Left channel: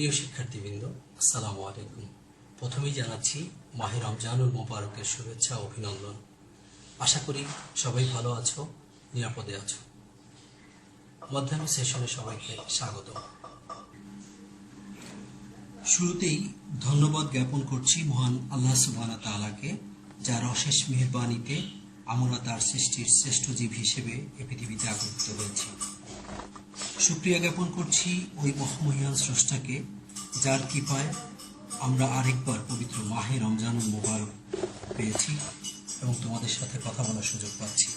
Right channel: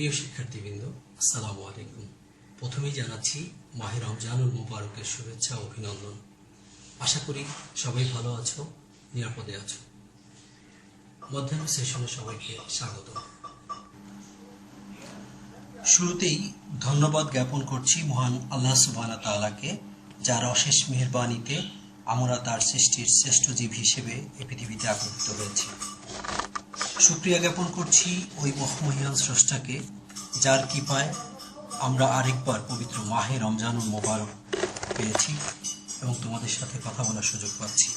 প্রিয় শিক্ষার্থীবৃন্দ, আসসালামু আলাইকুম। প্রথমেই জানাচ্ছি মাহে রমজানুল মোবারকের শুভেচ্ছা ও অভিনন্দন। আশা করি সবাই ভালো আছো, নিরাপদে আছো। মধ্যাহ্ন সেশনে সবাইকে স্বাগত। শুরুতেই ধন্যবাদ জ্ঞাপন করছি মহান আল্লাহ সুবহানাহু ওয়া তাআলাকে, যার অশেষ মেহেরবানিতে আমরা তার সৃষ্টির শ্রেষ্ঠ জীব হিসেবে এই পৃথিবীতে আগত হয়েছি। শুকরিয়া জ্ঞাপন করছি ওই মহামহিয়ান স্রষ্টাকে, যার কৃপায় আমরা আরেকবার পবিত্র মাহে রমজানুল মোবারক পেয়েছি এবং তোমাদের সাথে কথা বলার সুযোগ পাচ্ছি।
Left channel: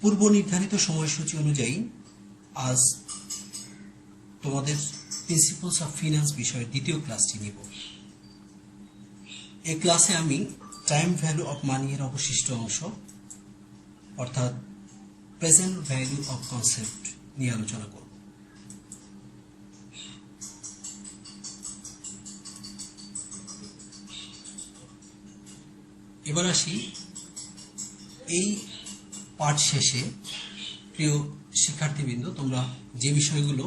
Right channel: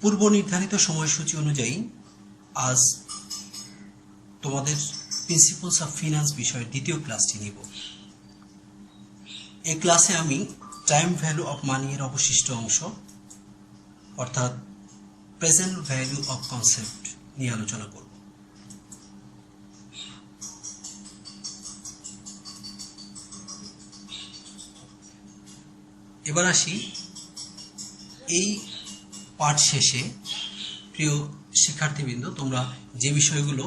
পূর্ব নির্ধারিত সময়সূচি অনুযায়ী আজ তোমাদের প্রিন্সিপালস অফ ফিনান্স বিষয়ের দ্বিতীয় ক্লাসটি নিব। এই ক্লাসে আমি টাইম ভ্যালু অফ মানি এর অবশিষ্ট অংশ অর্থাৎ প্রেজেন্ট ভ্যালু অফ কনসেপ্ট নিয়ে আলোচনা করব। এবার আসি এই পাঠ শেষে প্রিয় শিক্ষার্থীবৃন্দ, তোমরা যে বিষয়গুলো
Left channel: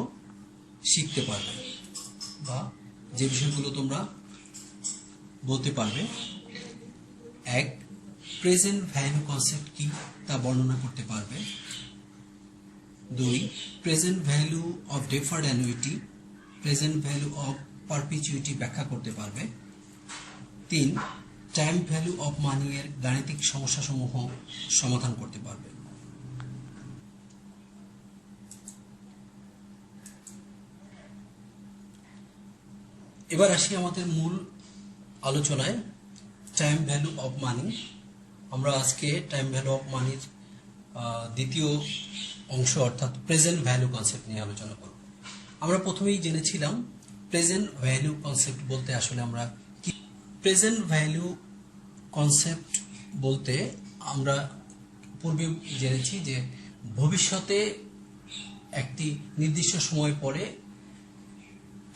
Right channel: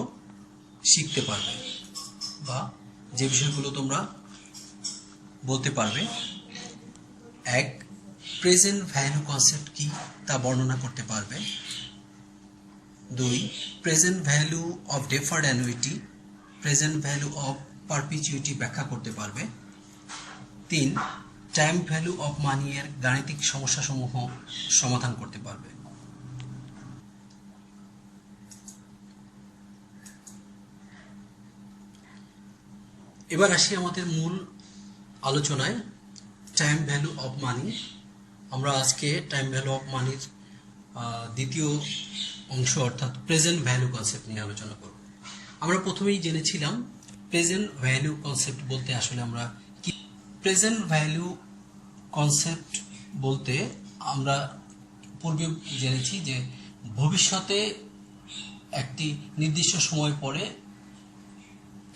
শিখতে পারবে বা যে বিষয়গুলো তোমরা বলতে পারবে: এক, প্রেজেন্ট ভ্যালু কনসেপ্ট কি তা বর্ণনা করতে পারবে। দুই, present value of deferred annuity, present value of perpetuity ব্যাখ্যা করতে পারবে। তিন, টাইম ভ্যালু অফ মানি এর গাণিতিক সমস্যাসমূহ সমাধান করতে পারবে। এবার আসি আমাদের মূল আলোচনায়, টাইম ভ্যালু অফ মানি। আমরা আজকে টাইম ভ্যালু অফ মানির দ্বিতীয় অংশ অর্থাৎ প্রেজেন্ট ভ্যালু কনসেপ্ট নিয়ে আলোচনা করব। আমরা প্রথমেই জেনেছিলাম প্রেজেন্ট ভ্যালু কনসেপ্ট বলতে আসলে আমরা কি। প্রেজেন্ট ভ্যালু কনসেপ্ট বলতে আমরা পূর্বে জেনেছি যে ভবিষ্যতে একটি নির্দিষ্ট সময় পরে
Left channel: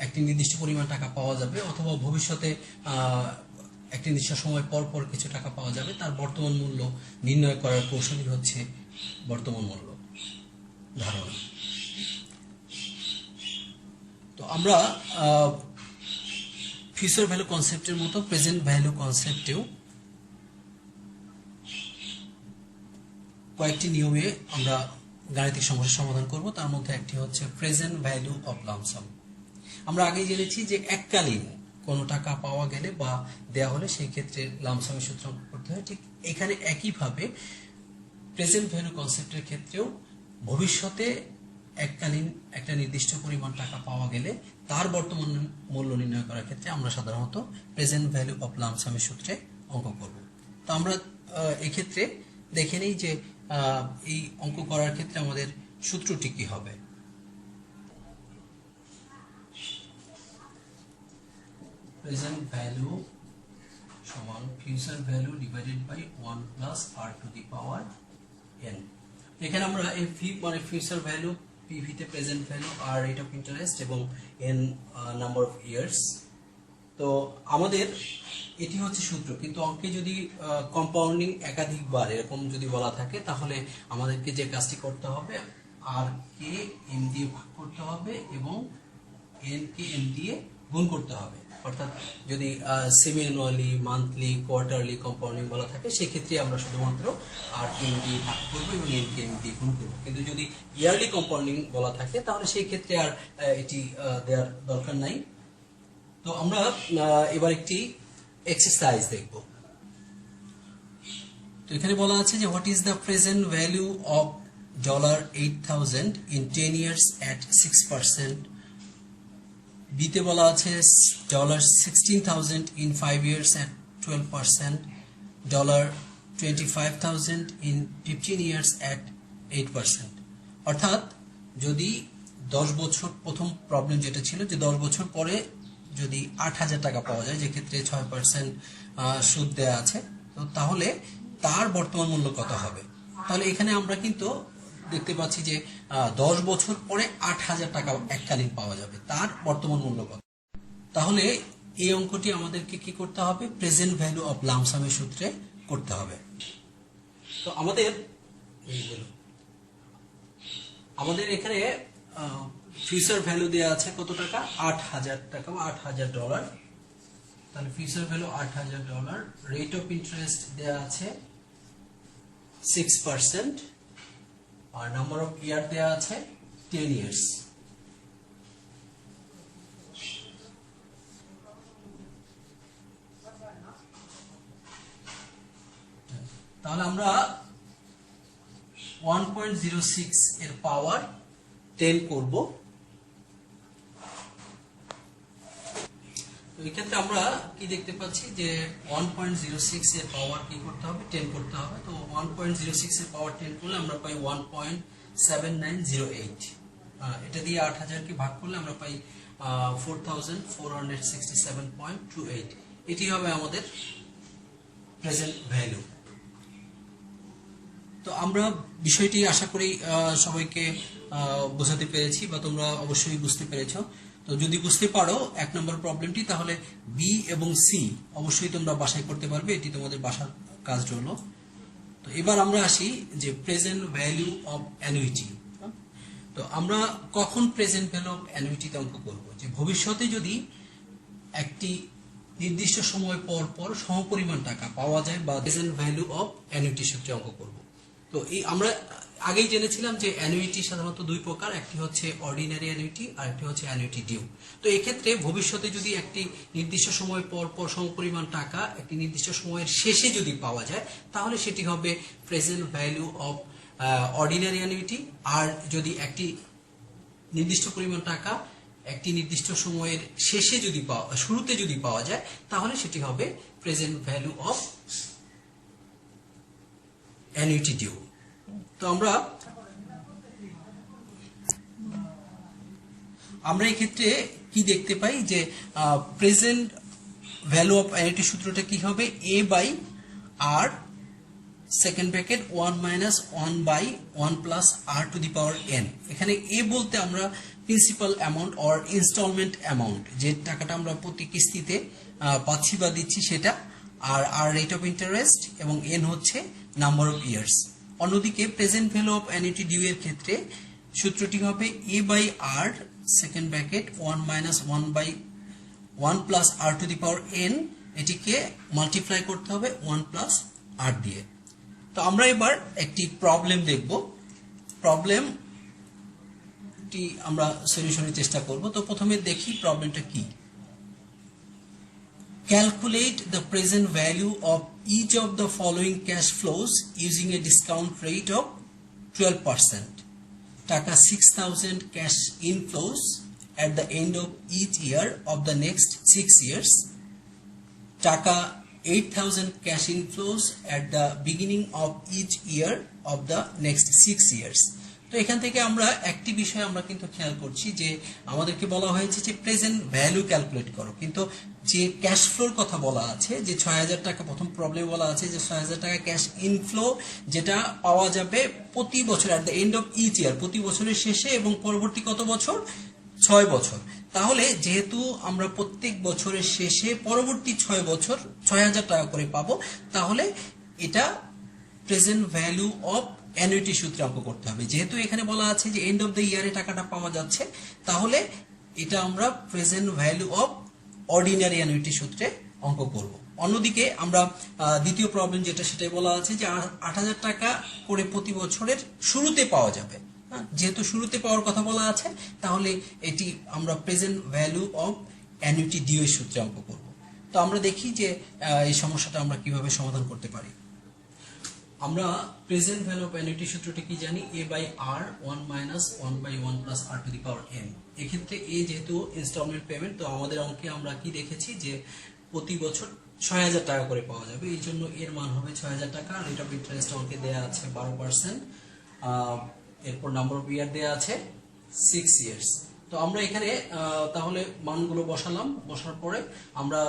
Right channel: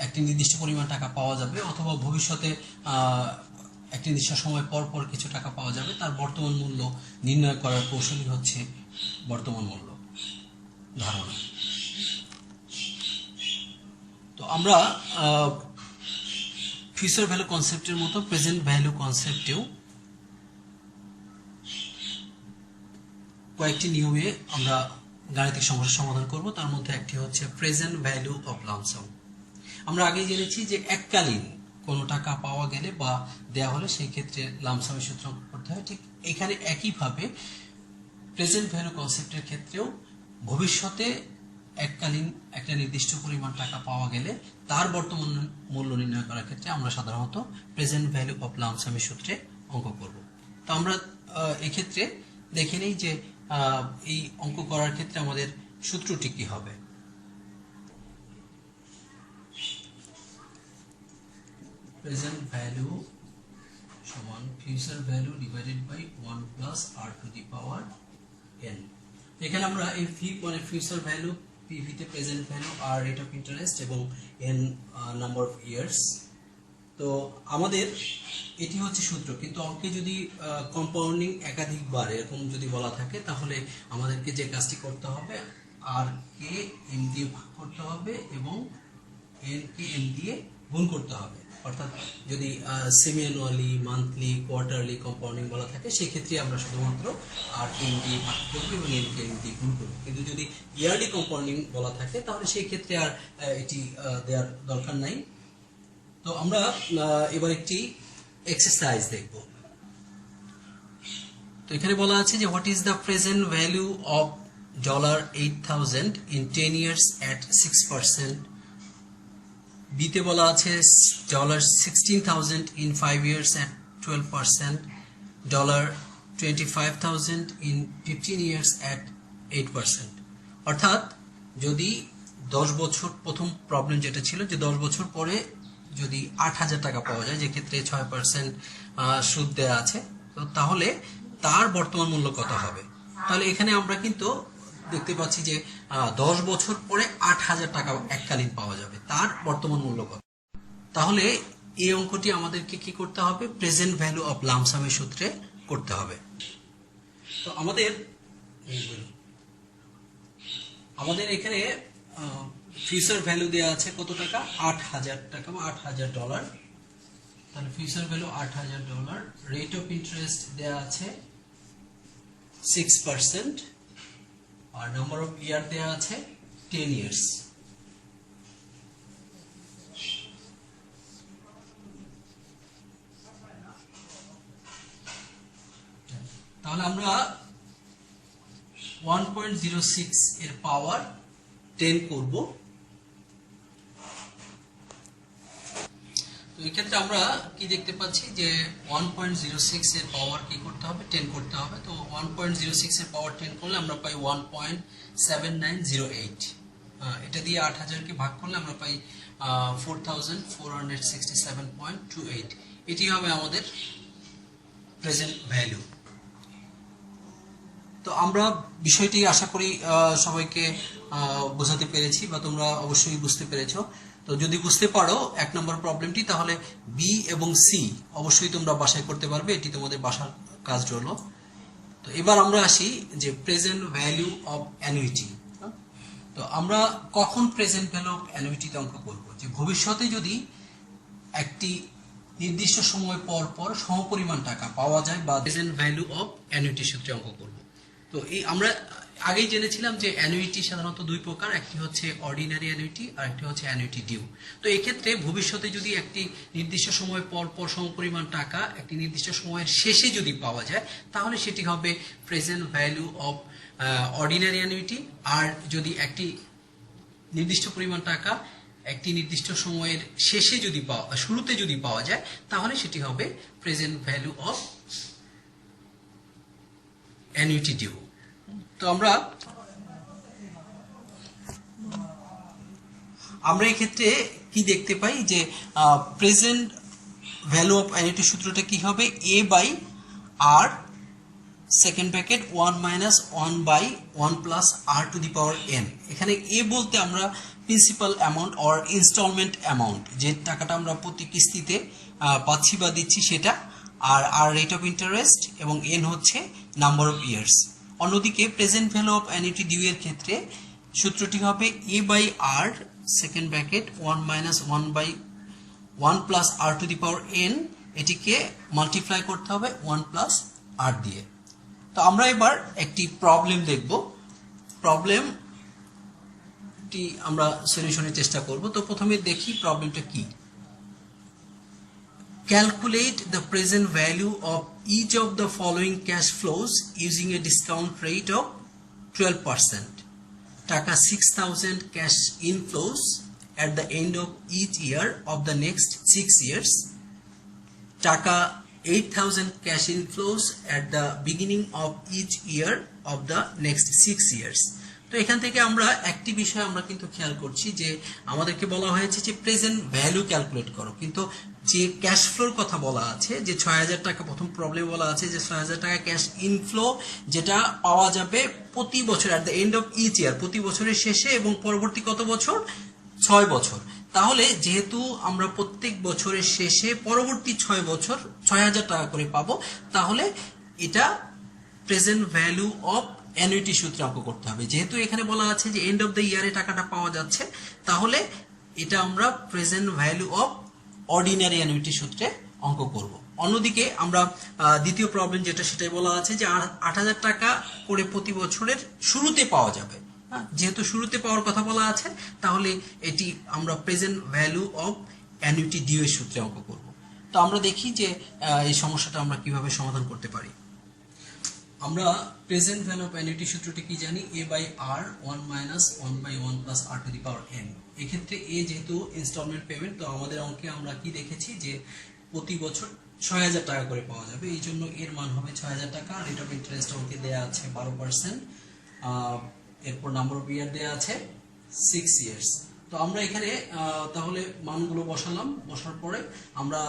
একটি নির্দিষ্ট পরিমাণ টাকা পাওয়া যাবে, অথবা ভবিষ্যতে একটি নির্দিষ্ট সময় পর পর কিছু টাকা পাওয়া যাবে। তার বর্তমান মূল্য নির্ণয় করার কৌশলই হচ্ছে বর্তমান মূল্য ধারণা। তো আমরা ফিউচার ভ্যালু কনসেপ্টের মতো প্রেজেন্ট ভ্যালু কনসেপ্টেও কয়েকটি নিয়মে আমরা গাণিতিক সমস্যার সমাধান করব। তার মধ্যে একটি হচ্ছে প্রেজেন্ট ভ্যালু অফ লামসাম। আমরা আগে জেনেছি যে এককালীন কোনো টাকা পাওয়া গেলে বা দেয়া হলে সেই ক্ষেত্রে লামসামের সূত্র করতে হয়। ঠিক এখানে একইভাবে প্রেজেন্ট ভ্যালু কনসেপ্টের ক্ষেত্রেও ভবিষ্যতে এককালীন একটা নির্দিষ্ট পরিমাণ টাকা পাওয়া গেলে তার বর্তমান মূল্য নির্ণয় করার ক্ষেত্রে আমরা সাধারণত প্রেজেন্ট ভ্যালু অফ লামসামের সূত্রে অঙ্ক করব। তো আমরা এক্ষেত্রে দেখে নিই যে এই অঙ্ক করার ক্ষেত্রে আমাদের সূত্রটি কি হবে। প্রেজেন্ট ভ্যালু সমান future value divided by 1 plus r to the power n। এখানে আমরা এই ফি মানে ফিউচার ভ্যালু, পিভি তে প্রেজেন্ট ভ্যালু, আর রেট অফ ইন্টারেস্ট এবং n নাম্বার অফ ইয়ার্স। তো আমাদের এটি হচ্ছে সূত্র, কিন্তু অঙ্কে যদি কম্পাউন্ডিং একাধিকবার এরকম যদি বলা থাকে তাহলে আমাদেরকে যে কাজটি করতে হবে, আর কে এম দিয়ে ভাগ করতে হবে এবং এন কে এম দিয়ে গুণ করতে হবে। অর্থাৎ যদি semi annually, monthly, quarterly compounding বলা থাকে সেই ক্ষেত্রে আমরা শুধুমাত্র আর কে এম দিয়ে ভাগ করবো এবং এন কে এম দিয়ে গুণ করবো। কিন্তু যদি ইয়ারলি কম্পাউন্ডিং বলা থাকে তাহলে সেই ক্ষেত্রে আর এটি দেওয়ার দরকার নাই। তো আমরা এবার একটি এক্সারসাইজ দেখব। তো এখানে বলা আছে যে what is the present value of $8,000 in 10 years at 6%। বিতে বলা আছে $16,000 in 5 years at 12%, $25,000 in 15 years at 8%। অর্থাৎ যদি 10 বছর, প্রথম প্রবলেম যেটা ছিল যে 10 বছর পরে যদি 8,000 টাকা পাওয়া যায়, যে ক্ষেত্রে 6% সুদ দেওয়া আছে, তো তাহলে তার বর্তমান মূল্য কত হবে। তাহলে এখানে আমরা কিন্তু দেখতে পাচ্ছি যে 10 বছর পরে 8,000 টাকা এককালীন পাওয়া যাবে, তার বর্তমান মূল্য কত। তাহলে এই অঙ্কটি আমাদেরকে কি করতে হবে? প্রেজেন্ট ভ্যালু অফ লামসামের সূত্রে করতে হবে। তো আমাদের এখানে ফিউচার ভ্যালু দেওয়া আছে কত টাকা, 8,000 টাকা বা $8,000। তাহলে future value $8,000, rate of interest দেওয়া আছে 6%, আর নাম্বার অফ ইয়ার দেওয়া আছে 10 years। তাহলে আমরা 1.06 এর পাওয়ার 10 করব। তো এই ক্ষেত্রে আমরা কি দেখতে পাচ্ছি যে 1.06 এর পাওয়ার কি করতে হবে, 10 করতে হবে। তো 1.06 এর পাওয়ার 10 করলে আমরা পাই 1.7908। এটা দিয়ে 8,000 কে ভাগ করলে আমরা পাই 4,467.28। এটি হবে আমাদের প্রেজেন্ট ভ্যালু। তো আমরা বিষয়টি আশা করি সবাইকে বোঝাতে পেরেছি বা তোমরা অবশ্যই বুঝতে পেরেছো। তো যদি বুঝতে পারো 1 নম্বর প্রবলেমটি, তাহলে বি এবং সি অবশ্যই তোমরা বাসায় করতে পারবে, এটি তোমাদের বাসার কাজ হলো। তো এবার আমরা আসি যে প্রেজেন্ট ভ্যালু অফ অ্যানুইটি। তো আমরা কখন প্রেজেন্ট ভ্যালু অফ অ্যানুইটিতে অঙ্ক করব, যে ভবিষ্যতে যদি একটি নির্দিষ্ট সময় পর পর সমপরিমাণ টাকা পাওয়া যায় বা প্রেজেন্ট ভ্যালু অফ অ্যানুইটি সূত্রে অঙ্ক করব। তো এই আমরা আগেই জেনেছিলাম যে অ্যানুইটি সাধারণত দুই প্রকার, একটি হচ্ছে অর্ডিনারি অ্যানুইটি আর একটি হচ্ছে অ্যানুইটি ডিউ। তো এই ক্ষেত্রে ভবিষ্যতে যদি একটি নির্দিষ্ট সময় পর পর সমপরিমাণ টাকা একটি নির্দিষ্ট সময়ের শেষে যদি পাওয়া যায়, তাহলে সেটি হবে present value of ordinary annuity. আর যদি একটি নির্দিষ্ট পরিমাণ টাকা একটি নির্দিষ্ট সময়ের শেষে যদি শুরুতে যদি পাওয়া যায়, তাহলে সেটি হবে present value of annuity due. তো আমরা এই ক্ষেত্রে কি দেখতে পাই যে প্রেজেন্ট ভ্যালু অফ অ্যানুইটি সূত্রটা কি হবে, A by R second bracket 1 minus 1 by 1 plus R to the power N. এখানে এ বলতে আমরা principal amount or instalment amount, যে টাকাটা আমরা প্রতি কিস্তিতে পাচ্ছি বা দিচ্ছি সেটা, আর রেট অফ ইন্টারেস্ট, এবং এন হচ্ছে নাম্বার অফ ইয়ার্স। অন্যদিকে present value of annuity due এর ক্ষেত্রে সূত্রটি হবে A by R second bracket 1 minus 1 by 1 plus R to the power N, এটিকে মাল্টিপ্লাই করতে হবে 1 প্লাস আর দিয়ে। তো আমরা এবার একটি প্রবলেম দেখব, প্রবলেমটি আমরা সলিউশনের চেষ্টা করব। তো প্রথমে দেখি প্রবলেমটা কি। Calculate the present value of each of the following cash flows using a discount rate of 12%. Taka 6,000 cash inflows at the end of each year of the next 6 years. Taka 8,000 cash inflows at the beginning of each year of the next 6 years. তো এখান থেকে আমরা একটি বিষয় আমরা কিন্তু খেয়াল করছি যে আমাদেরকে বলা হয়েছে যে প্রেজেন্ট ভ্যালু ক্যালকুলেট করো, কিন্তু যে ক্যাশ ফ্লোর কথা বলা আছে যে 6,000 টাকা, প্রথম প্রবলেম বলা আছে যে 6,000 টাকা ক্যাশ ইনফ্লো যেটা পাওয়া যাবে প্রতি বছর at the end of each year, প্রতি বছরের শেষে, এবং পরবর্তী কত বছর, 6 বছর। তাহলে যেহেতু আমরা প্রত্যেক বছরের শেষে পরবর্তী 6 বছর 6,000 টাকা করে পাবো, তাহলে এটা প্রেজেন্ট ভ্যালু অফ অ্যানুইটি সূত্রে অঙ্ক করতে হবে। যেহেতু এখানে বলা আছে যে এন্ড অফ দ্য ইয়ারে টাকাটা পাওয়া যাচ্ছে, তাহলে এটা আমরা present value of ordinary annuity সূত্রে অঙ্ক করব। অন্যদিকে আমরা দ্বিতীয় প্রবলেম যেটা, সেটাই বলা আছে যে 8,000 টাকা করে প্রতি বছরের শুরুতে পাওয়া যাবে। যেহেতু শুরুতে পাওয়ার কথা বলা আছে, তাহলে এটি আমরা present value of annuity due এর সূত্রে অঙ্ক করব। তো আমরা দেখি যে এই সমস্যাটা আমরা কিভাবে সমাধান করতে পারি। আমরা প্রেজেন্ট ভ্যালু অফ অ্যানুইটি সূত্রটি কি জানি, A by R 1 minus 1 by 1 plus R to the power N. এক্ষেত্রে এ যেহেতু ইনস্টলমেন্ট পেমেন্ট, তো আমাদের অঙ্কে আমরা কি দেখেছি যে প্রতি বছর 6,000 টাকা করে পাওয়া যাবে, এই জন্য এর মান হবে 6,000 টাকা। রেট অফ ইন্টারেস্ট অঙ্কে দেওয়া আছে 12%, এরপর নাম্বার অফ ইয়ার দেওয়া আছে 6 ইয়ার্স। তো আমরা এখানে তাহলে মানগুলো বসালাম, বসার পরে আমরা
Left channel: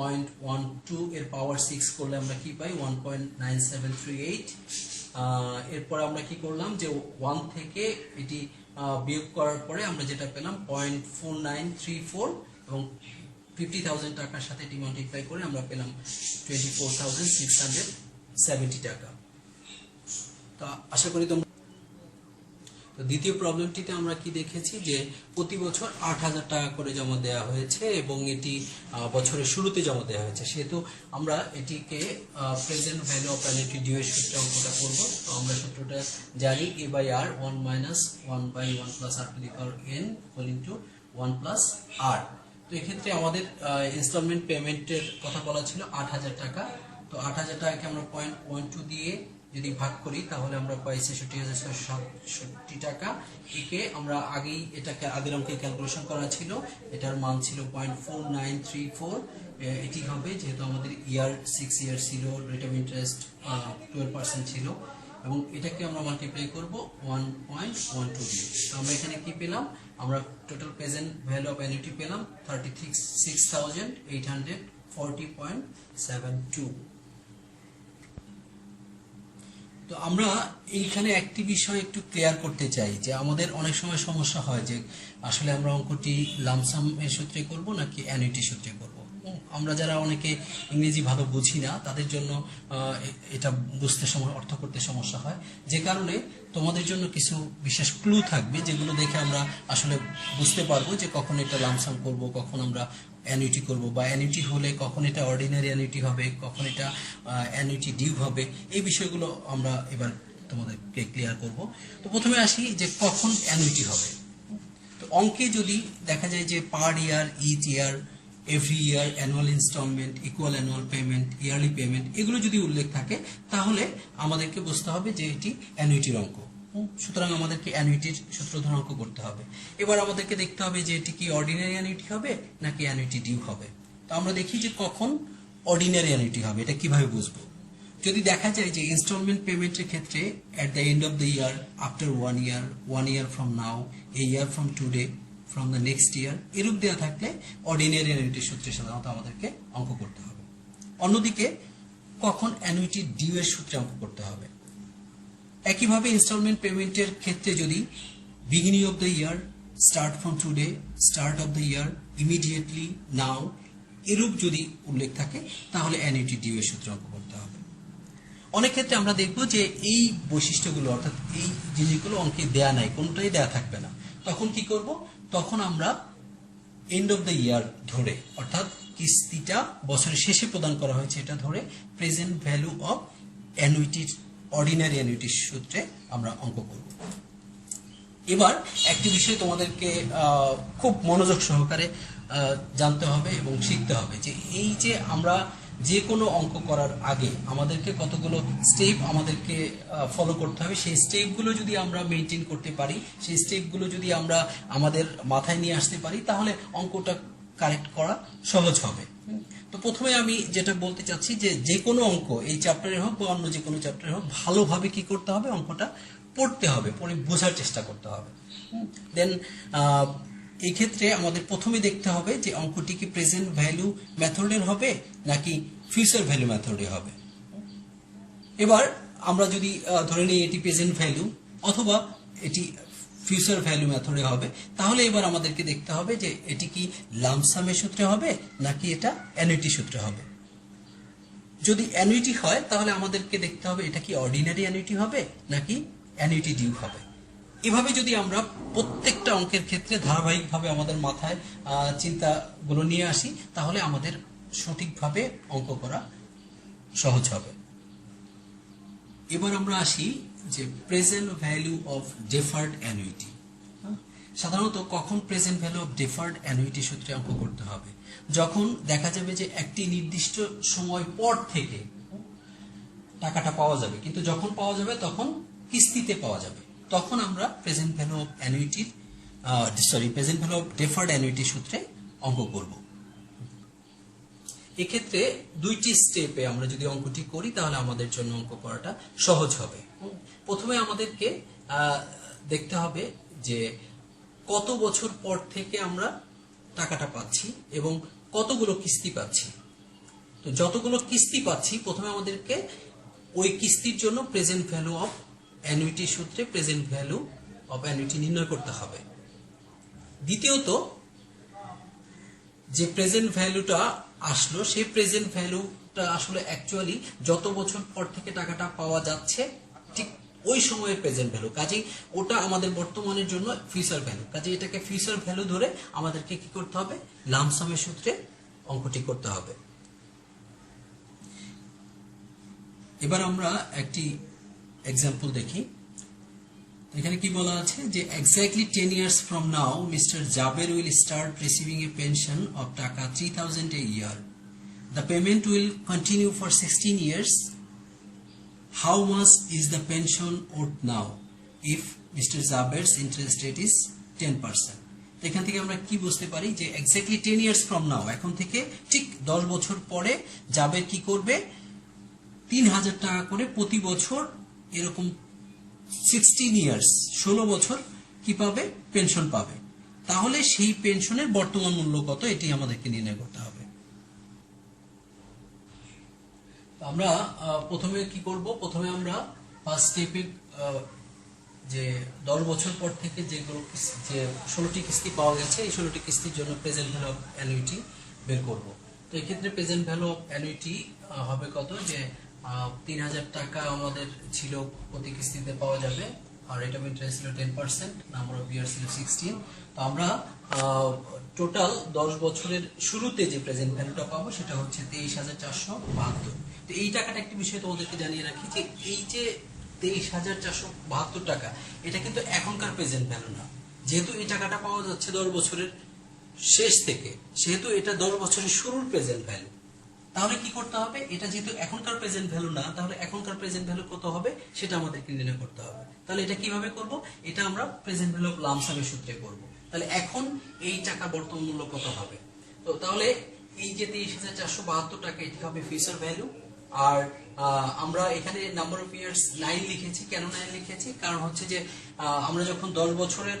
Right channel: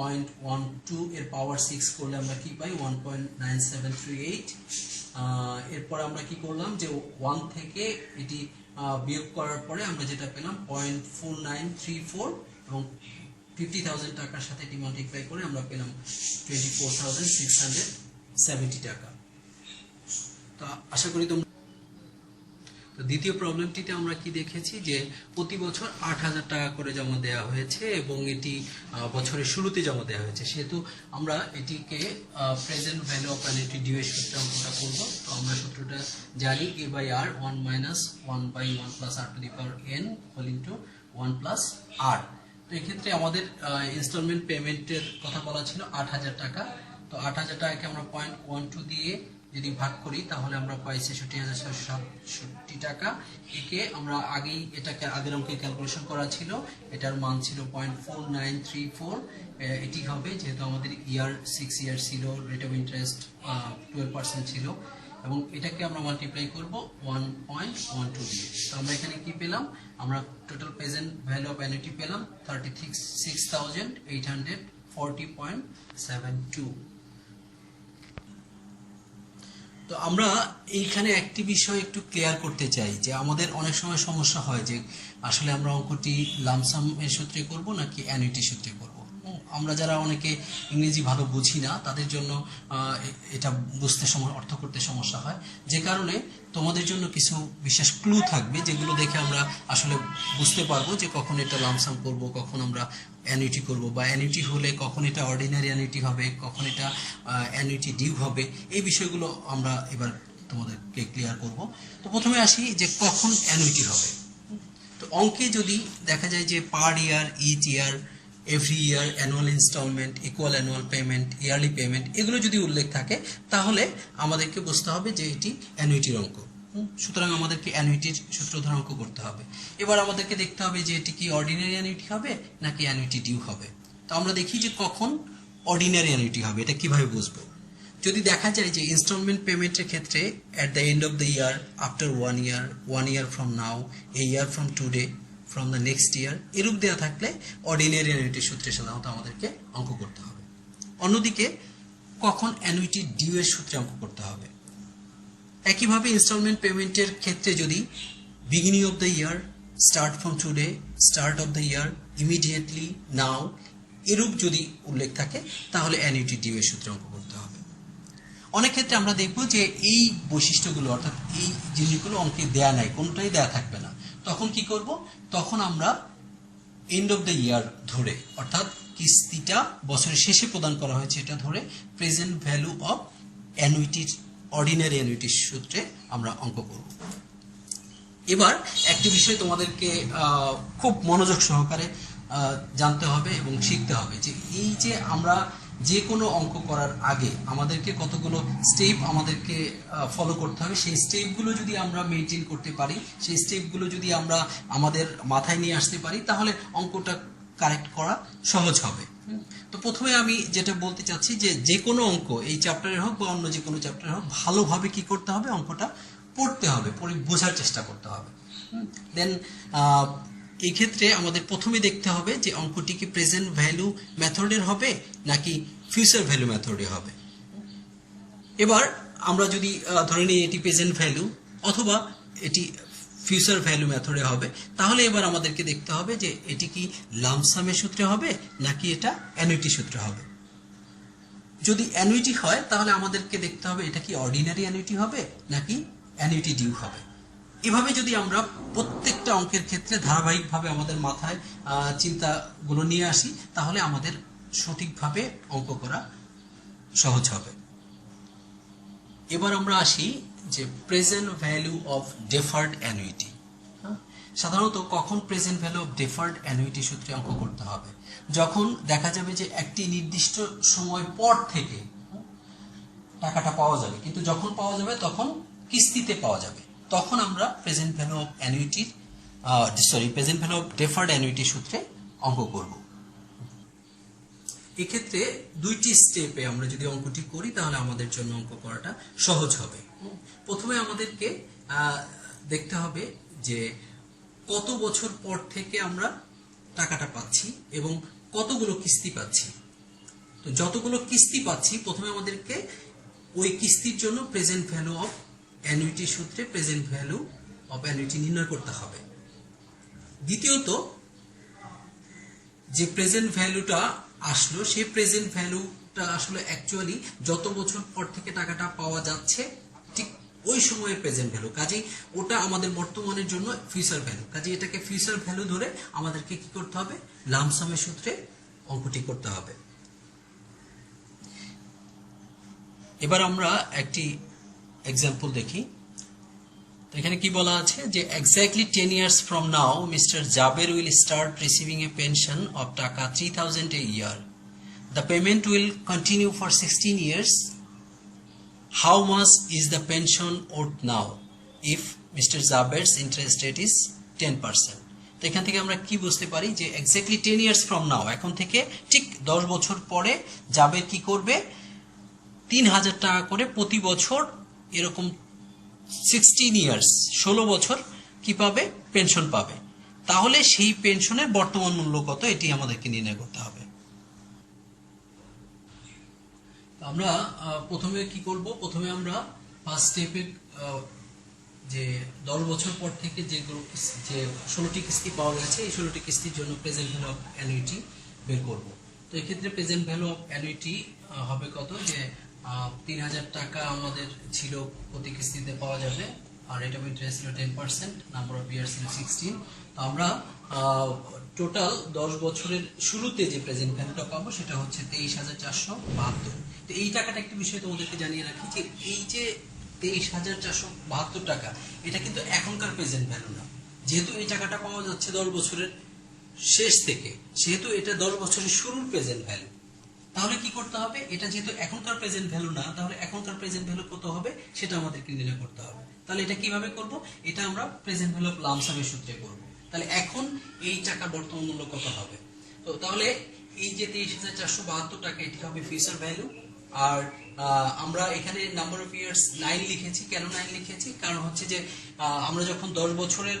1.12 এর পাওয়ার 6 করলে আমরা কি পাই, 1.9738। এরপর আমরা কি করলাম যে 1 থেকে এটি বিয়োগ করার পরে আমরা যেটা পেলাম 0.4934, এবং 50,000 টাকার সাথে এটি মাল্টিপ্লাই করে আমরা পেলাম 24,670 টাকা। তো আশা করি তোমরা তো দ্বিতীয় প্রবলেমটিতে আমরা কি দেখেছি যে প্রতি বছর 8,000 টাকা করে জমা দেওয়া হয়েছে এবং এটি বছরের শুরুতে জমা দেওয়া হয়েছে, সেহেতু আমরা এটিকে present value of annuity due এর সূত্রে অঙ্কটা করব। তো আমরা সূত্রটা জানি a by r 1 minus 1 by 1 plus r to the power n whole into 1 plus r। তো এক্ষেত্রে আমাদের ইনস্টলমেন্ট পেমেন্টের কথা বলা ছিল 8,000 টাকা। তো 8,000 টাকাকে আমরা 0.12 দিয়ে যদি ভাগ করি তাহলে আমরা পাই 66,667 টাকা। একে আমরা এটাকে আগের অঙ্কে ক্যালকুলেশন করা ছিল, এটার মান ছিল 0.4934। এটি হবে যেহেতু আমাদের 6 ইয়ার ছিল, রেট অফ ইন্টারেস্ট 12% ছিল এবং এটাকে আমরা মাল্টিপ্লাই করব 1.12 দিয়ে। তো আমরা এখানে কি পেলাম, আমরা total present value of annuity পেলাম 36,840.72। তো আমরা এইখানে একটি বিষয় একটু ক্লিয়ার করতে চাই যে আমাদের অনেক সময় সমস্যা হয় যে আসলে আমরা অঙ্কটি লামসাম এর সূত্রে করব নাকি অ্যানুইটি সূত্রে করব। আমরা যারা অনেকে ইংরেজি ভালো বুঝি না তাদের জন্য এটা বুঝতে অর্থ করতে সমস্যা হয়, যে কারণে তোমাদের জন্য কিছু বিশেষ ক্লু থাকবে যেগুলো দেখে আমরা আসলে বুঝতে পারবো যে কখন এটা লামসাম করব, কখন আমরা অ্যানুইটি করব, বা অ্যানুইটি হলে কখন এটা অর্ডিনারি অ্যানুইটি হবে, কখন এটা অ্যানুইটি ডিউ হবে। এই বিষয়গুলো আমরা এবার তোমাদেরকে ক্লিয়ার করব। তো প্রথমে আসি যে কখন অ্যানুইটি হবে। তো অঙ্কে যদি দেখা যায় যে per year, each year, every year, annual instalment, equal annual payment, yearly payment, এগুলো যদি উল্লেখ থাকে তাহলে আমাদেরকে বুঝতে হবে যে এটি অ্যানুইটির অঙ্ক। সুতরাং আমাদেরকে অ্যানুইটির সূত্র ধরে অঙ্ক করতে হবে। এবার আমাদেরকে দেখতে হবে যে এটি কি অর্ডিনারি অ্যানুইটি হবে নাকি অ্যানুইটি ডিউ হবে। তো আমরা দেখি যে কখন অর্ডিনারি অ্যানুইটি হবে, এটা কিভাবে বুঝবো। যদি দেখা যায় যে ইনস্টলমেন্ট পেমেন্টের ক্ষেত্রে at the end of the year, after 1 year from now, A year from today, from the next year, এরূপ দেওয়া থাকলে অর্ডিনারি অ্যানুইটির সূত্রে সাধারণত আমাদেরকে অঙ্ক করতে হবে। অন্যদিকে কখন অ্যানুইটি ডিউ এর সূত্রে অঙ্ক করতে হবে। একইভাবে ইনস্টলমেন্ট পেমেন্টের ক্ষেত্রে যদি beginning of the year, start from today, start of the year, immediately, now, এরূপ যদি উল্লেখ থাকে তাহলে অ্যানুইটি ডিউ এর সূত্রে অঙ্ক করতে হবে। অনেক ক্ষেত্রে আমরা দেখব যে এই বৈশিষ্ট্যগুলো অর্থাৎ এই জিনিসগুলো অঙ্কে দেয়া নাই, কোনটাই দেয়া থাকবে না। তখন কি করব, তখন আমরা এন্ড অফ দ্য ইয়ার ধরে, অর্থাৎ কিস্তিটা বছরের শেষে প্রদান করা হয়েছে এটা ধরে প্রেজেন্ট ভ্যালু অফ অ্যানুইটির, অর্ডিনারি অ্যানুইটির সূত্রে আমরা অঙ্ক করব। এবার একটি বিষয় তোমাদেরকে খুব মনোযোগ সহকারে জানতে হবে এবং শিখতে হবে যে এই যে আমরা যে কোনো অঙ্ক করার আগে আমাদেরকে কতগুলো স্টেপ আমাদেরকে ফলো করতে হবে। সেই স্টেপগুলো যদি আমরা মেনটেন করতে পারি, সেই স্টেপগুলো যদি আমরা আমাদের মাথায় নিয়ে আসতে পারি তাহলে অঙ্কটা কারেক্ট করা সহজ হবে। তো প্রথমে আমি যেটা বলতে চাচ্ছি যে কোনো অঙ্ক, এই চ্যাপ্টারের হোক বা অন্য যে কোনো চ্যাপ্টারের হোক, ভালোভাবে কি করতে হবে, অঙ্কটা পড়তে হবে, পড়ে বোঝার চেষ্টা করতে হবে। দেন এই ক্ষেত্রে আমাদের প্রথমে দেখতে হবে যে অঙ্কটি কি প্রেজেন্ট ভ্যালু মেথডের হবে নাকি ফিউচার ভ্যালু মেথডে হবে। এবার আমরা যদি ধরে নিই এটি প্রেজেন্ট ভ্যালু অথবা এটি ফিউচার ভ্যালু মেথডে হবে, তাহলে এবার আমাদেরকে দেখতে হবে যে এটি কি লামসামের সূত্রে হবে নাকি এটা অ্যানুইটি সূত্রে হবে। যদি অ্যানুইটি হয় তাহলে আমাদেরকে দেখতে হবে এটা কি অর্ডিনারি অ্যানুইটি হবে নাকি অ্যানুইটি ডিউ হবে। এভাবে যদি আমরা প্রত্যেকটা অঙ্কের ক্ষেত্রে ধারাবাহিকভাবে আমাদের মাথায় চিন্তাগুলো নিয়ে আসি তাহলে আমাদের সঠিকভাবে অঙ্ক করা সহজ হবে। এবার আমরা আসি যে present value of deferred annuity. সাধারণত কখন present value of deferred annuity সূত্রে অঙ্ক করতে হবে, যখন দেখা যাবে যে একটি নির্দিষ্ট সময় পর থেকে টাকাটা পাওয়া যাবে, কিন্তু যখন পাওয়া যাবে তখন কিস্তিতে পাওয়া যাবে, তখন আমরা প্রেজেন্ট ভ্যালু অফ অ্যানুইটির present value of deferred annuity সূত্রে অঙ্ক করব। এক্ষেত্রে দুইটি স্টেপে আমরা যদি অঙ্কটি করি তাহলে আমাদের জন্য অঙ্ক করাটা সহজ হবে। প্রথমে আমাদেরকে দেখতে হবে যে কত বছর পর থেকে আমরা টাকাটা পাচ্ছি এবং কতগুলো কিস্তি পাচ্ছি। তো যতগুলো কিস্তি পাচ্ছি প্রথমে আমাদেরকে ওই কিস্তির জন্য প্রেজেন্ট ভ্যালু অফ অ্যানুইটি সূত্রে প্রেজেন্ট ভ্যালু অফ অ্যানুইটি নির্ণয় করতে হবে। দ্বিতীয়ত যে প্রেজেন্ট ভ্যালুটা আসলো সেই প্রেজেন্ট ভ্যালুটা আসলে অ্যাকচুয়ালি যত বছর পর থেকে টাকাটা পাওয়া যাচ্ছে ঠিক ওই সময়ের প্রেজেন্ট ভ্যালু, কাজেই ওটা আমাদের বর্তমানের জন্য ফিউচার ভ্যালু। কাজেই এটাকে ফিউচার ভ্যালু ধরে আমাদেরকে কি করতে হবে, লামসামের সূত্রে অঙ্কটি করতে হবে। এবার আমরা একটি এক্সাম্পল দেখি। এখানে কি বলা আছে যে exactly 10 years from now Mr. Jaber will start receiving a pension of টাকা 3000 a year. The payment will continue for 16 years. How much is the pension owed now if Mr. Jaber's interest rate is 10%? তো এখান থেকে আমরা কি বুঝতে পারি যে exactly 10 years from now, এখন থেকে ঠিক 10 বছর পরে জাবের কি করবে, 3000 টাকা করে প্রতি বছর এরকম 16 ইয়ার্স 16 বছর কি পাবে, পেনশন পাবে। তাহলে সেই পেনশনের বর্তমান মূল্য কত, এটি আমাদেরকে নির্ণয় করতে হবে। আমরা প্রথমে কি করব, প্রথমে আমরা ফার্স্ট স্টেপে যে 10 বছর পর থেকে যেগুলো যে 16টি কিস্তি পাওয়া গেছে, এই 16টি কিস্তির জন্য প্রেজেন্ট ভ্যালু অফ অ্যানুইটি বের করব। তো এই ক্ষেত্রে প্রেজেন্ট ভ্যালু অফ অ্যানুইটি হবে কত, যে 3000 টাকা আমাদের ছিল প্রতি কিস্তিতে পাওয়া যাবে, আর রেট অফ ইন্টারেস্ট ছিল 10%, নাম্বার অফ ইয়ার ছিল 16। তো আমরা টোটাল 10 বছরের শুরুতে যে প্রেজেন্ট ভ্যালুটা পাবো সেটা হচ্ছে 23472। তো এই টাকাটা একটি বিষয় তোমাদেরকে জানিয়ে রাখি যে এই যে 23472 টাকা, এটা কিন্তু এখনকার প্রেজেন্ট ভ্যালু না। যেহেতু এই টাকাটা পাওয়া যাচ্ছে 10 বছরের শেষ থেকে, সেহেতু এটা 10 বছরের শুরুর প্রেজেন্ট ভ্যালু। তাহলে কি করতে হবে, এটা যেহেতু এখনকার প্রেজেন্ট ভ্যালু না, তাহলে এখনকার প্রেজেন্ট ভ্যালু কত হবে সেটা আমাদেরকে নির্ণয় করতে হবে। তাহলে এটা কিভাবে করব, এটা আমরা প্রেজেন্ট ভ্যালু অফ লামসামের সূত্রে করব। তাহলে এখন এই টাকা বর্তমান মূল্য কত হবে, তো তাহলে এই যে 23472 টাকা, এটি হবে ফিউচার ভ্যালু। আর আমরা এখানে নাম্বার অফ ইয়ার্স 9 লিখেছি। কেন 9 লিখেছি, কারণ হচ্ছে যে আমরা যখন 10 বছরের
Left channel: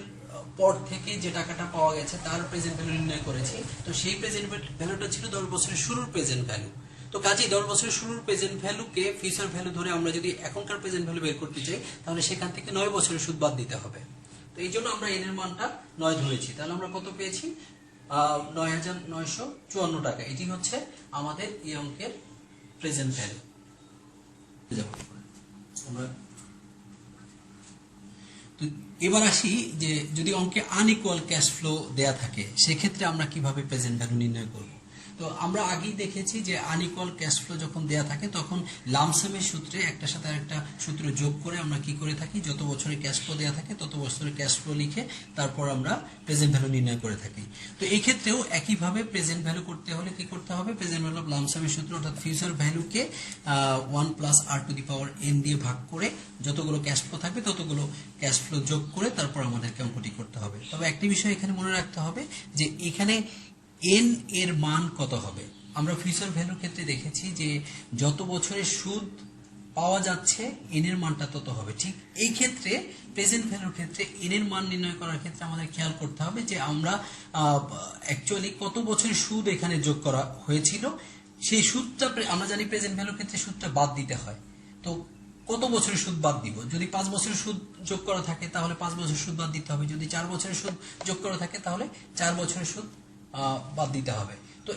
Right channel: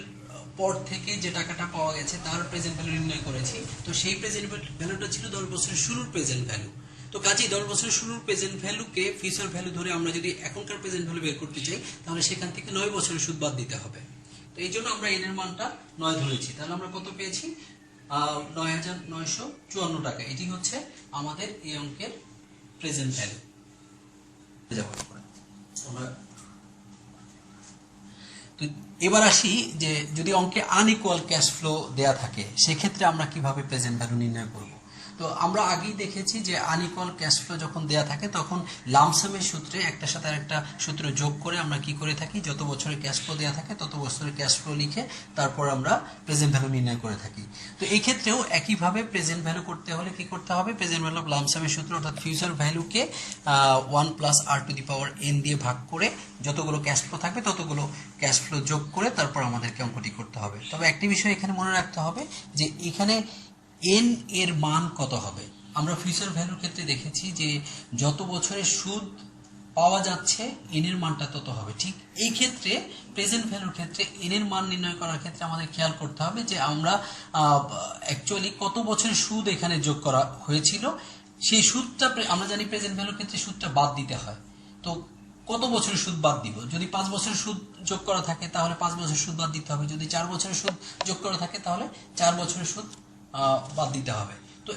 পর থেকে যে টাকাটা পাওয়া গেছে তার প্রেজেন্ট ভ্যালু নির্ণয় করেছি, তো সেই প্রেজেন্ট ভ্যালুটা ছিল 10 বছরের শুরুর প্রেজেন্ট ভ্যালু। তো কাজেই 10 বছরের শুরুর প্রেজেন্ট ভ্যালুকে ফিউচার ভ্যালু ধরে আমরা যদি এখনকার প্রেজেন্ট ভ্যালু বের করতে চাই, তাহলে সেখান থেকে 9 বছরের সুদ বাদ দিতে হবে। তো এই জন্য আমরা এন এর মানটা 9 ধরেছি। তাহলে আমরা কত পেয়েছি, 9954 টাকা। এটি হচ্ছে আমাদের এই অঙ্কের প্রেজেন্ট ভ্যালু। এবার আসি যে যদি অঙ্কে আনইকুয়াল ক্যাশ ফ্লো দেয়া থাকে, সেক্ষেত্রে আমরা কিভাবে প্রেজেন্ট ভ্যালু নির্ণয় করব। তো আমরা আগেই দেখেছি যে আনইকুয়াল ক্যাশ ফ্লো যখন দেয়া থাকে, তখন লামসামের সূত্রে একটার সাথে আরেকটা সূত্র যোগ করে আমরা কি করে থাকি, যত বছরের ক্যাশ ফ্লো দেয়া থাকে তত বছরের ক্যাশ ফ্লো লিখে তারপর আমরা প্রেজেন্ট ভ্যালু নির্ণয় করে থাকি। তো এই ক্ষেত্রেও একইভাবে প্রেজেন্ট ভ্যালু করতে হলে কি করতে হবে, প্রেজেন্ট ভ্যালু অফ লামসামের সূত্র অর্থাৎ ফিউচার ভ্যালুকে 1 + r⁴ n দিয়ে ভাগ করে যতগুলো ক্যাশ ফ্লো থাকবে ততগুলো ক্যাশ ফ্লো যোগ করে তারপর আমাদেরকে অঙ্কটি করতে হবে। তবে একটি বিষয় এখানে মনে রাখতে হবে যে এখানে n এর মান কত হবে। আমরা ফিউচার ভ্যালুর ক্ষেত্রে দেখেছি যে যত বছরের সুদ পাওয়া যাচ্ছে n এর মানটা তত হবে। ঠিক এই ক্ষেত্রে প্রেজেন্ট ভ্যালুর ক্ষেত্রে n এর মান নির্ণয় করার ক্ষেত্রে আমাদের খেয়াল করতে হবে যে আমরা অ্যাকচুয়ালি কত বছরের সুদ এখানে যোগ করা হয়েছিল, সেই সুদটা আমরা জানি প্রেজেন্ট ভ্যালুর ক্ষেত্রে সুদটা বাদ দিতে হয়। তো কত বছরের সুদ বাদ দিব, যদি 5 বছরের সুদ যোগ করা থাকে তাহলে 5 বছরের সুদ বাদ দিতে হবে, যদি 4 বছরের সুদ যোগ করা থাকে তাহলে 4 বছরের সুদ বাদ দিতে হবে। তো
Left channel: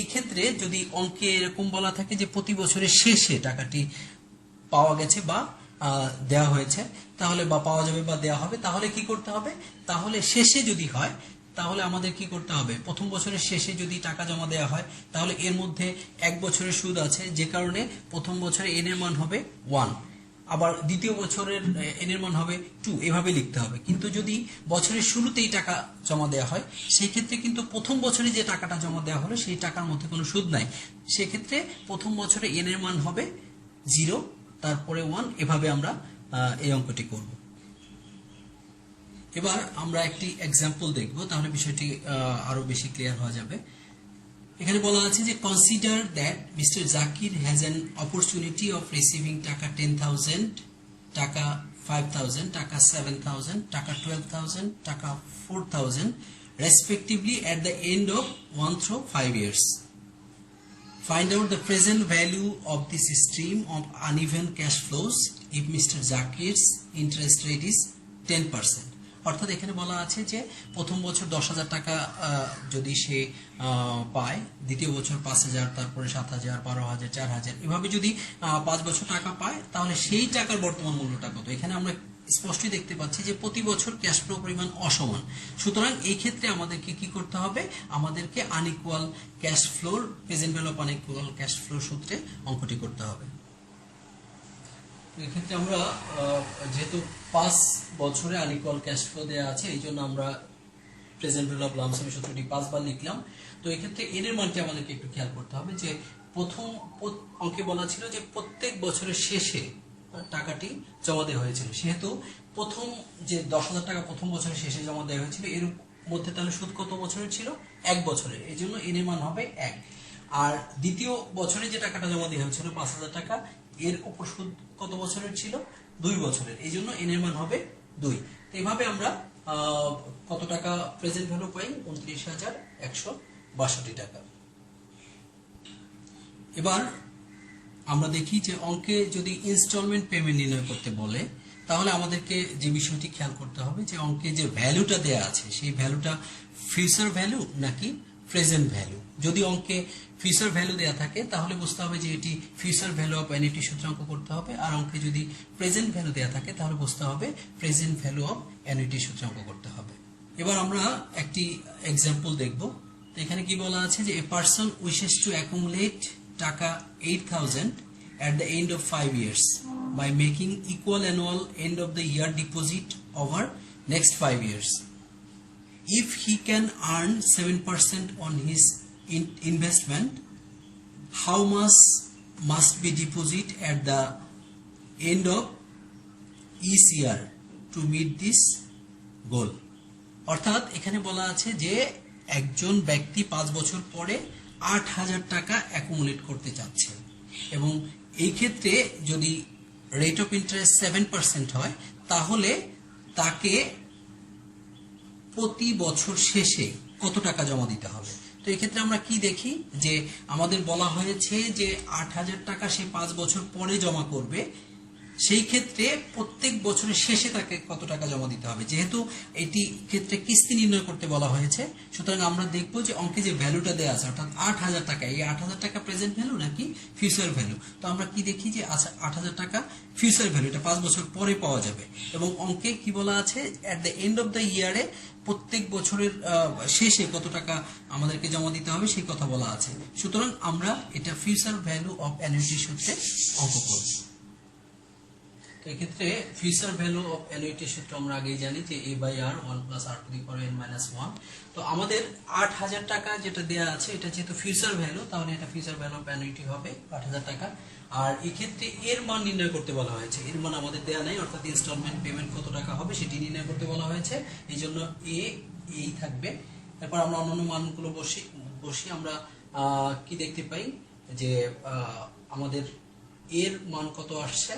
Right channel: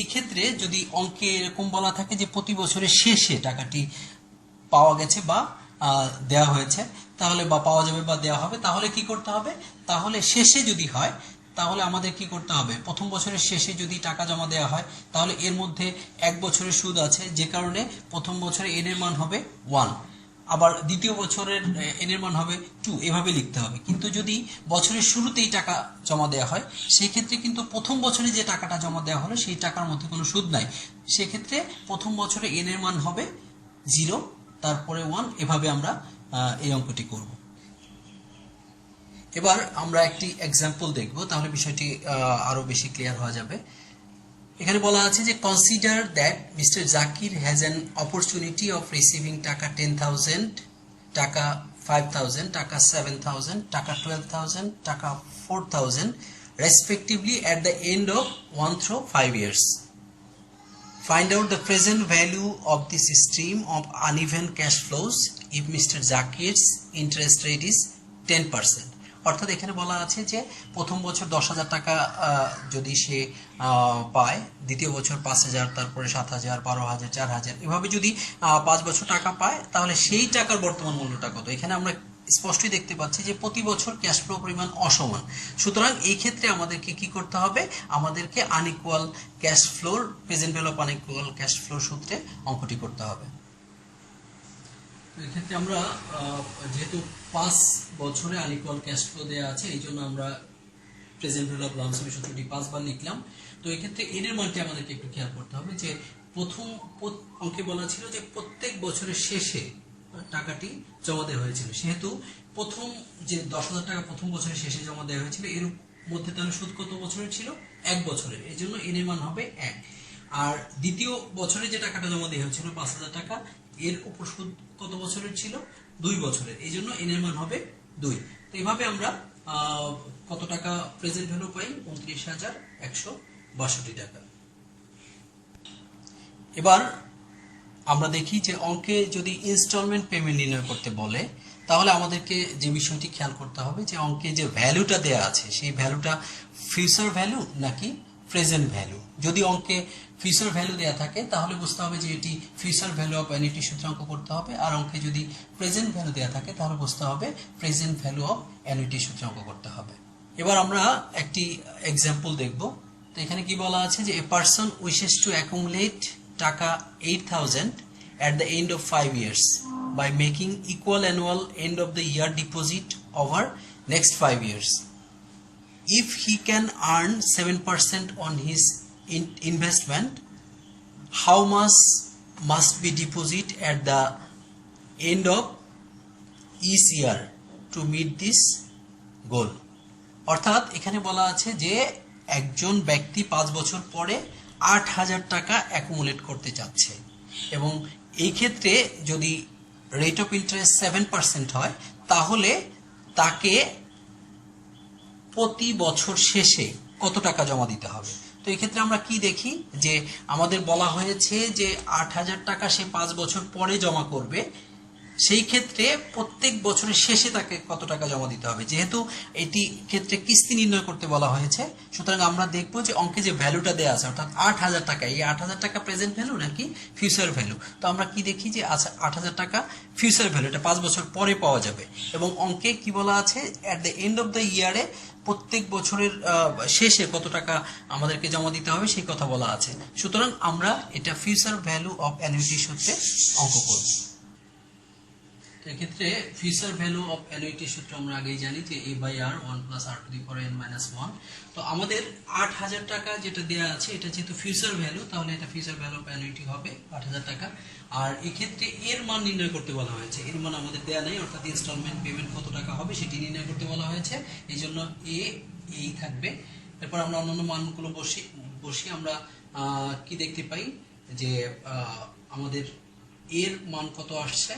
এই ক্ষেত্রে যদি অঙ্কে এরকম বলা থাকে যে প্রতি বছরের শেষে টাকাটি পাওয়া গেছে বা দেয়া হয়েছে, তাহলে বা পাওয়া যাবে বা দেয়া হবে, তাহলে কি করতে হবে, তাহলে শেষে যদি হয় তাহলে আমাদের কি করতে হবে, প্রথম বছরের শেষে যদি টাকা জমা দেওয়া হয় তাহলে এর মধ্যে 1 বছরের সুদ আছে, যে কারণে প্রথম বছরে n এর মান হবে 1, আবার দ্বিতীয় বছরের n এর মান হবে 2, এভাবে লিখতে হবে। কিন্তু যদি বছরের শুরুতেই টাকা জমা দেওয়া হয়, সেই ক্ষেত্রে কিন্তু প্রথম বছরে যে টাকাটা জমা দেওয়া হলো সেই টাকার মধ্যে কোনো সুদ নাই, সেক্ষেত্রে প্রথম বছরে n এর মান হবে 0, তারপরে 1, এভাবে আমরা এই অঙ্কটি করব। এবার আমরা একটি এক্সাম্পল দেখব, তাহলে বিষয়টি আরো বেশি ক্লিয়ার হয়ে যাবে। এখানে বলা আছে যে consider that mister Zakir has an opportunity of receiving টাকা 10,000, টাকা 5,000, টাকা 7,000, টাকা 12,000, টাকা 4,000 respectively at the end of 1 through 5 years. Find out the present value of this stream of uneven cash flows if Mr. Zakir's interest rate is 10%. অর্থাৎ এখানে বলা আছে যে প্রথম বছর 10,000 টাকা যদি সে পায়, দ্বিতীয় বছর 5,000, তারপরে 7,000, 12,000, 4,000, এভাবে যদি 5 বছর টাকা পায় তাহলে সেই টাকার বর্তমান মূল্যটা কত। এখানে আমরা স্পষ্টই দেখতে পাচ্ছি যে প্রতি বছর ক্যাশ ফ্লো পরিমাণ অসমান। সুতরাং এই ক্ষেত্রে আমাদেরকে কি করতে হবে, আমাদেরকে unequal cash floor, present value of unequal cash flow সূত্রে অঙ্কটি করতে হবে। এক্ষেত্রে আমরা যেহেতু 5 বছরে আনইকুয়াল ক্যাশ ফ্লো দেওয়া আছে, এই জন্য আমরা প্রেজেন্ট ভ্যালু অফ লামসাম সূত্রটি 5 বার লিখলাম। তো এই ক্ষেত্রে এর মানটি আমাদেরকে একটু খেয়াল করতে হবে যে প্রথম অঙ্কে বলা ছিল যে প্রত্যেক বছরের শেষে টাকাটি জমা দেওয়া হয়েছিল, সেহেতু প্রথম যে 10,000 টাকা প্রথম বছরের শেষে জমা দেওয়া হয়েছিল, এর মধ্যে তাহলে সুদ কত বছরের ছিল, 1 বছরের, এই জন্য এর মান হবে 1। আর দ্বিতীয় বছরে যে টাকাটা জমা দেওয়া হয়েছিল 5,000 টাকা, এর উপর সুদ কত বছরের ছিল, 2 বছরের, এই জন্য এর মান হবে 2। তো এইভাবে আমরা কত টাকা প্রেজেন্ট ভ্যালু পাই, 29,162 টাকা। এবার আমরা দেখি যে অঙ্কে যদি ইনস্টলমেন্ট পেমেন্ট নির্ণয় করতে বলে তাহলে আমাদেরকে যে বিষয়টি খেয়াল করতে হবে যে অঙ্কে যে ভ্যালুটা দেয়া আছে সেই ভ্যালুটা ফিউচার ভ্যালু নাকি প্রেজেন্ট ভ্যালু। যদি অঙ্কে ফিউচার ভ্যালু দেয়া থাকে তাহলে বুঝতে হবে যে এটি ফিউচার ভ্যালু অফ অ্যানুইটি সূত্রে অঙ্ক করতে হবে, আর অঙ্কে যদি প্রেজেন্ট ভ্যালু দেয়া থাকে তাহলে বুঝতে হবে প্রেজেন্ট ভ্যালু অফ অ্যানুইটি সূত্রে অঙ্ক করতে হবে। এবার আমরা একটি এক্সাম্পল দেখব। তো এখানে কি বলা আছে যে a person wishes to accumulate টাকা 8,000 at the end of 5 years by making equal annual end of the year deposit over next 5 years. If he can earn 7% on his investment, how much must be deposit at the end of each year to meet this goal? অর্থাৎ এখানে বলা আছে যে একজন ব্যক্তি 5 বছর পরে 8,000 টাকা অ্যাকুমুলেট করতে চাচ্ছে, এবং এই ক্ষেত্রে যদি রেট অফ ইন্টারেস্ট 7% হয় তাহলে তাকে প্রতি বছর শেষে কত টাকা জমা দিতে হবে। তো এই ক্ষেত্রে আমরা কি দেখি যে আমাদের বলা হয়েছে যে 8,000 টাকা সে 5 বছর পরে জমা করবে, সেই ক্ষেত্রে প্রত্যেক বছরের শেষে তাকে কত টাকা জমা দিতে হবে। যেহেতু এটি ক্ষেত্রে কিস্তি নির্ণয় করতে বলা হয়েছে, সুতরাং আমরা দেখব যে অঙ্কে যে ভ্যালুটা দেওয়া আছে অর্থাৎ 8,000 টাকা, এই 8,000 টাকা প্রেজেন্ট ভ্যালু নাকি ফিউচার ভ্যালু। তো আমরা কি দেখি যে আচ্ছা 8,000 টাকা ফিউচার ভ্যালু, এটা 5 বছর পরে পাওয়া যাবে, এবং অঙ্কে কি বলা আছে at the end of the ইয়ারে প্রত্যেক বছরের শেষে কত টাকা আমাদেরকে জমা দিতে হবে সেই কথা বলা আছে। সুতরাং আমরা এটা ফিউচার ভ্যালু অফ অ্যানুইটি সূত্রে অঙ্ক করব। এক্ষেত্রে ফিউচার ভ্যালু অফ অ্যানুইটি সূত্র আমরা আগেই জানি যে a/r 1 + r⁻n - 1। তো আমাদের 8,000 টাকা যেটা দেয়া আছে এটা যেহেতু ফিউচার ভ্যালু, তাহলে এটা ফিউচার ভ্যালু অফ অ্যানুইটি হবে 8,000 টাকা। আর এক্ষেত্রে এর মান নির্ণয় করতে বলা হয়েছে, এর মান আমাদের দেয়া নাই, অর্থাৎ ইনস্টলমেন্ট পেমেন্ট কত টাকা হবে সেটি নির্ণয় করতে বলা হয়েছে, এই জন্য এই থাকবে। এরপর আমরা অন্যান্য মানগুলো বসি আমরা কি দেখতে পাই যে আমাদের এর মান কত আসছে,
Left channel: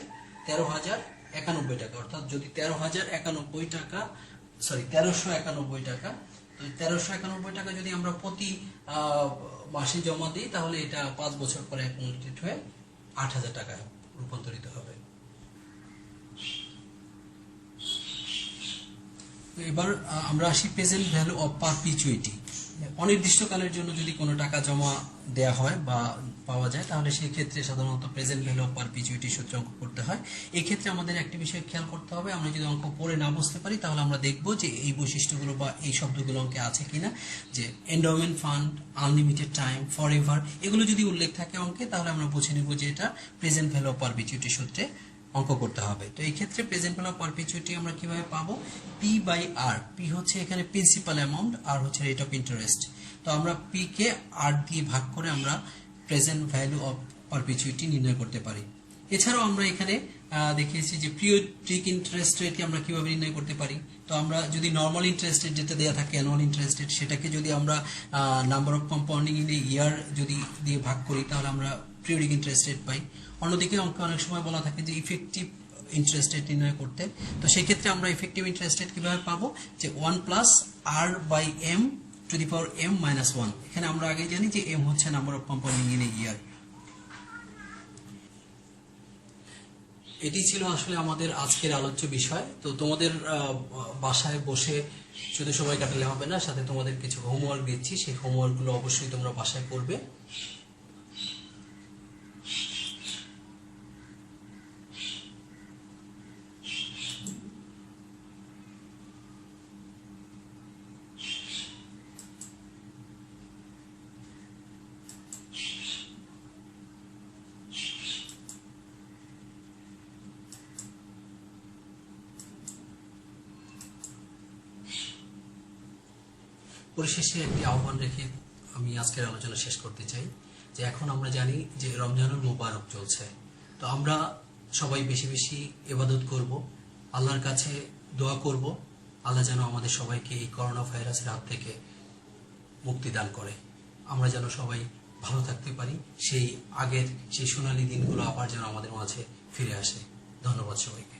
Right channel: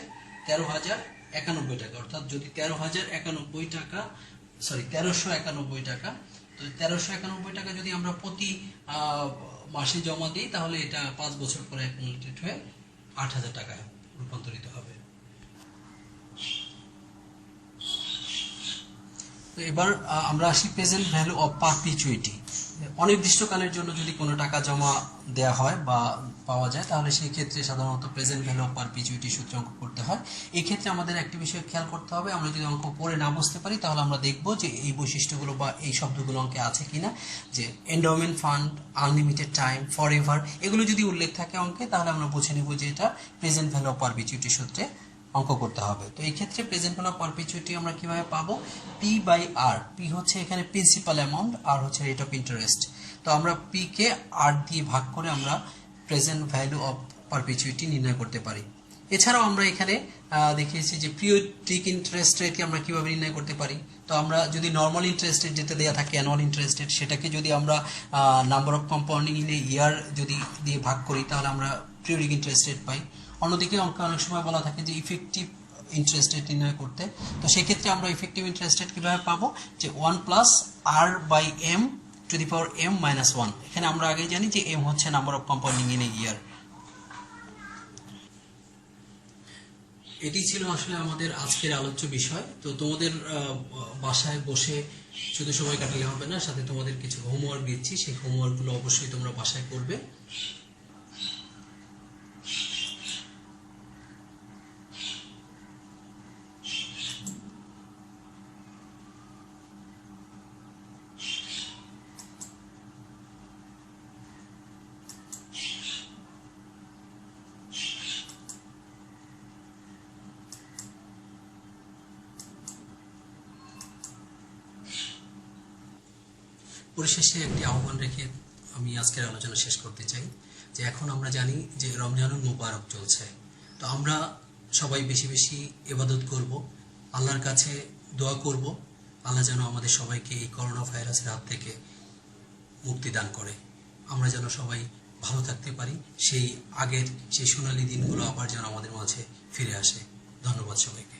13,091 টাকা। অর্থাৎ যদি 13,091 টাকা, সরি 1391 টাকা, তো 1391 টাকা যদি আমরা প্রতি মাসে জমা দিই তাহলে এটা 5 বছর পরে অ্যাকুমুলেটেড হয়ে 8,000 টাকায় রূপান্তরিত হবে। তো এবার আমরা আসি প্রেজেন্ট ভ্যালু অফ পারপিচুইটি। অনির্দিষ্টকালের জন্য যদি কোনো টাকা জমা দেয়া হয় বা পাওয়া যায় তাহলে সেই ক্ষেত্রে সাধারণত প্রেজেন্ট ভ্যালু অফ পারপিচুইটি সূত্রে অঙ্ক করতে হয়। এই ক্ষেত্রে আমাদের একটি বিষয় খেয়াল করতে হবে, আমরা যদি অঙ্ক পড়ে না বুঝতে পারি তাহলে আমরা দেখব যে এই বৈশিষ্ট্যগুলো বা এই শব্দগুলো অঙ্কে আছে কিনা, যে endowment fund, unlimited time, forever, এগুলো যদি উল্লেখ থাকে অঙ্কে তাহলে আমরা বুঝে নেব যে এটা প্রেজেন্ট ভ্যালু অফ পারপিচুইটি সূত্রে অঙ্ক করতে হবে। তো এই ক্ষেত্রে প্রেজেন্ট ভ্যালু অফ পারপিচুইটি আমরা কিভাবে পাবো, p/r, p হচ্ছে এখানে প্রিন্সিপাল অ্যামাউন্ট, আর হচ্ছে রেট অফ ইন্টারেস্ট। তো আমরা p কে r দিয়ে ভাগ করে আমরা প্রেজেন্ট ভ্যালু অফ পারপিচুইটি নির্ণয় করতে পারি। এছাড়াও আমরা এখানে দেখিয়েছি যে পিরিয়ডিক ইন্টারেস্ট রেটকে আমরা কিভাবে নির্ণয় করতে পারি। তো আমরা যদি নর্মাল ইন্টারেস্ট রেট যেটা দেওয়া থাকে অ্যানুয়াল ইন্টারেস্ট রেট, সেটাকে যদি আমরা number of compounding in a year যদি দিয়ে ভাগ করি তাহলে আমরা পিরিয়ডিক ইন্টারেস্ট রেট পাই। অন্যদিকে অঙ্কে অনেক সময় বলা থাকে যে ইফেক্টিভ ইন্টারেস্ট রেট নির্ণয় করতে, তো সেক্ষেত্রে আমরা ইফেক্টিভ ইন্টারেস্ট রেট কীভাবে পাবো, যে 1 + r/m to the power m - 1। এখানে আমরা আগে জানি যে m হচ্ছে number of compounding in a year. এটি ছিল আসলে আমাদের আজকের আলোচ্য বিষয়। তো তোমাদের বাসায় বসে শুধু সময় কাটালে হবে না, সাথে তোমাদের কিছু হোমওয়ার্ক দিচ্ছি, সেই হোমওয়ার্কগুলো অবশ্যই তোমরা বাসায় করবে। পরিশেষে একটি আহ্বান রেখে আমি আজকের আলোচনা শেষ করতে চাই যে এখন আমরা জানি যে রমজানুল মুবারক চলছে। তো আমরা সবাই বেশি বেশি ইবাদত করব, আল্লাহর কাছে দোয়া করব, আল্লাহ যেন আমাদের সবাইকে এই করোনা ভাইরাসের হাত থেকে মুক্তি দান করে, আমরা যেন সবাই ভালো থাকতে পারি, সেই আগের সেই সোনালী দিনগুলো আবার যেন আমাদের মাঝে ফিরে আসে। ধন্যবাদ সবাইকে।